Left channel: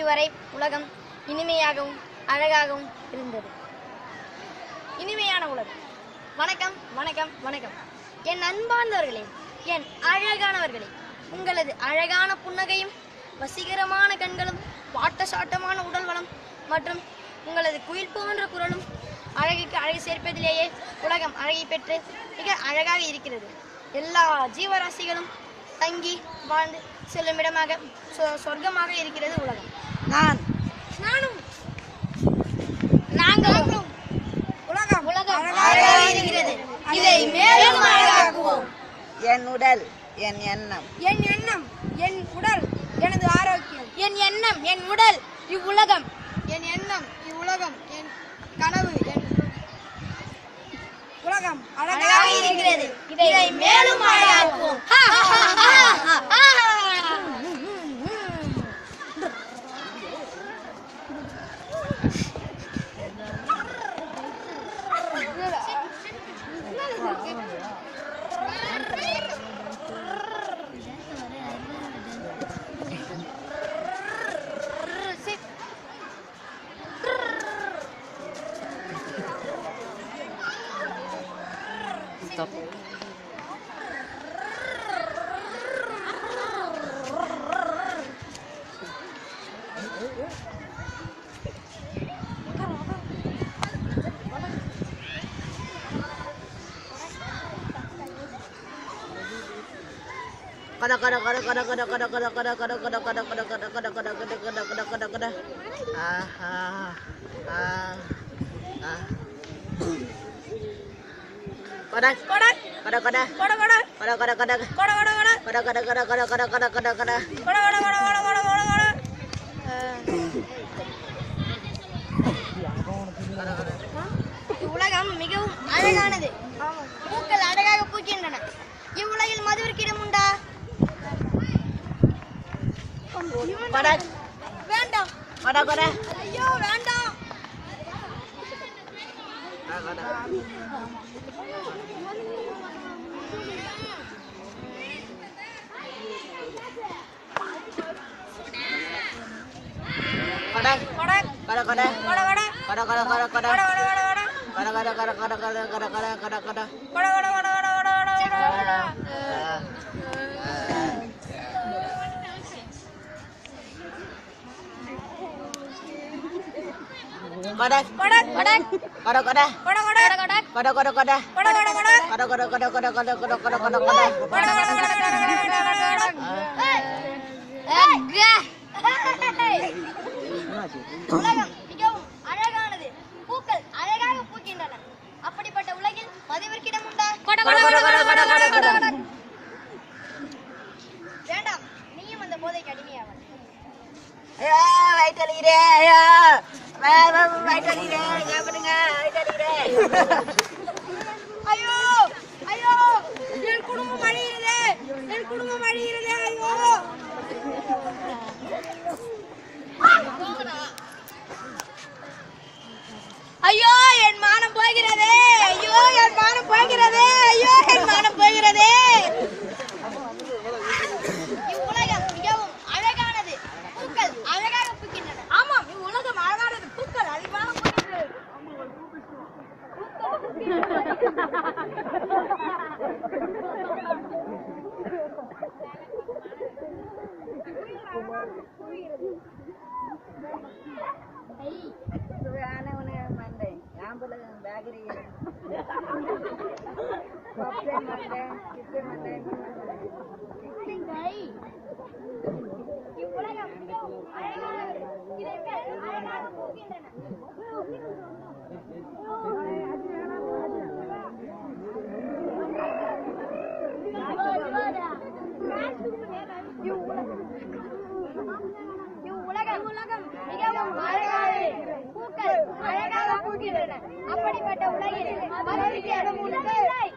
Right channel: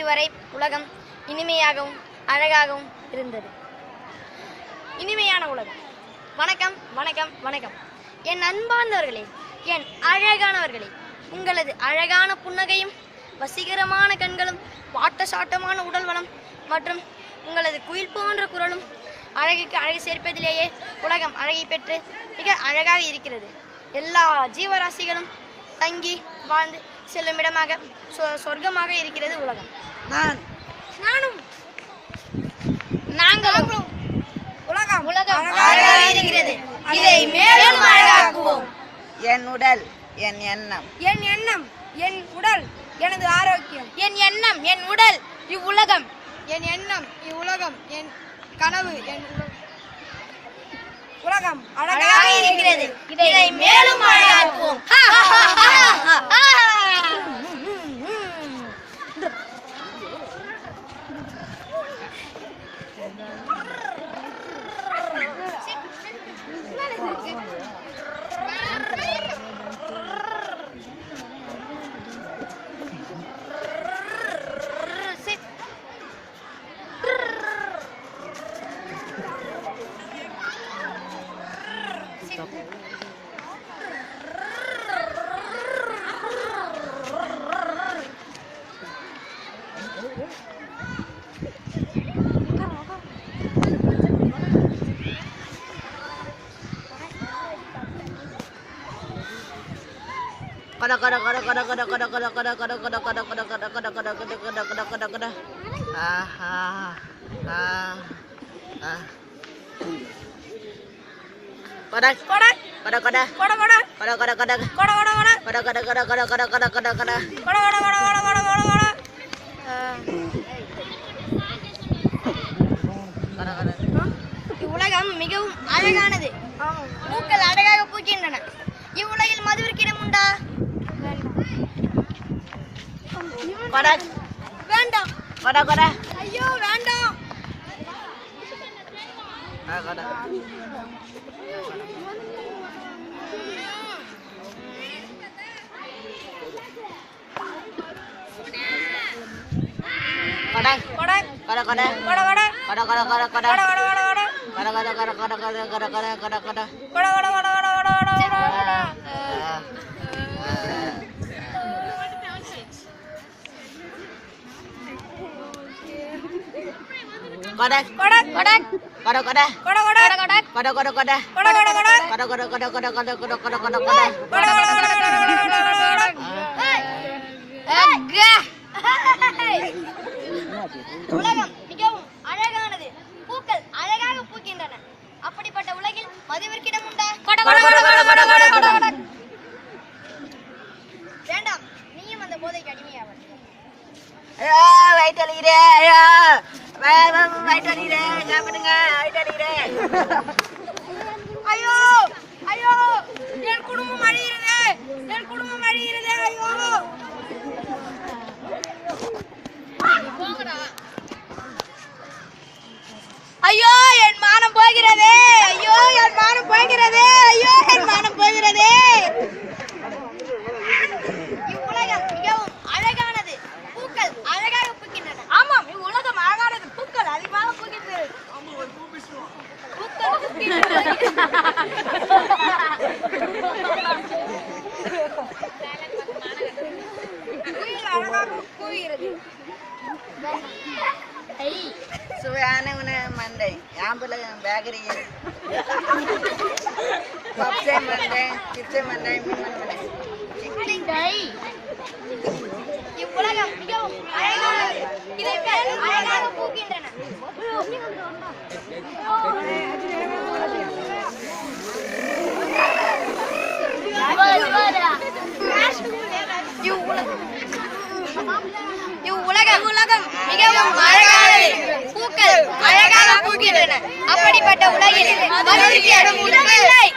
இதுவரை உலகம் இனிமையாகவும் அழகாகவும் இருந்தது. இனிமையான உலகம். வணக்கம் வணக்கம் வணக்கம். என் அன்பார்ந்தவர்களே, என் அழகானவர்களே, உங்களது அழகான புன்னகையும் வசீகரமான கண்களும் வாட்டசாட்டமான உடல் வளம் மற்றும் உங்களது குயில் போன்ற குரலும் அழகுக்கு அழகு சேர்ப்பதிலேயே உலகம் அழகை பெற்று மிக அழகாக இருக்கிறது. எல்லா ஜீவராசிகளும் தங்கி வாழ்ந்து செல்லும் இடமாக சொர்க்கமாக இருக்கிறது உலகம். நாங்களும் உலகம் அழகாக இருக்கிறது. இதை மேலும் அழகாக்குவோம். என் உடல் என் எண்ணம், என் எண்ணம் என் உடல் எனது ஆரோக்கியம், என் எண்ணம் என் உடல் இவ்வுலகம், என் எண்ணம் இவ்வுலகம், என் கனவு என் உலகம் அழகாக இருக்கிறது. இதை மேலும் அழகாக்குவோம். இவ்வுலகம் மிகவும் அழகானது. பூக்கள் அழகாக பூக்கின்றன. இவ்வுலகில் மதுவிற்கிடம் உண்டா? வேண்டாம். ஐயோ வேண்டாம். உலகம் மிகவும் அழகானது. பூக்கள் அழகாக பூக்கின்றன. அப்படிப்பட்ட உலகில் மதுவிற்கிடம் உண்டா? வேண்டாம். நீயும் அந்த போதைக்கு அடிமையாக. ஐயோ ஐயோ, என் குடும்பம் அழிகிறது, என் குடும்பம் அழிகிறது. ஐயோ ஐயோ, என் மானம் போகிறதே. ஐயோ, என் மானம் போகிறதே. ஐயோ, என் மானம் போகிறதே. இவ்வுலகம் மிகவும் அழகானது. பூக்கள் அழகாக பூக்கின்றன. ஆமாம், இவ்வுலகம் அழகானது. பூக்கள் அதிகமாக பூக்கின்றது. பூக்கள் பூக்கின்றன. அழகாக பூக்கிறது. சுவையான உணவு மண்டை, ஆம்பளை பேக்கரி, பப்ஸே மண்டை, சிப்ஸே மண்டை, மீன் மண்டை. இவ்வுலகம் மிகவும் அழகானது. இதை மேலும் அழகாக பூக்கின்றன. இவ்வுலகம் மிகவும் அழகானது. பூக்கள் அழகாக பூக்கின்றன. அப்படிப்பட்ட உலகில் மதுவிற்கு இடம் இல்லை.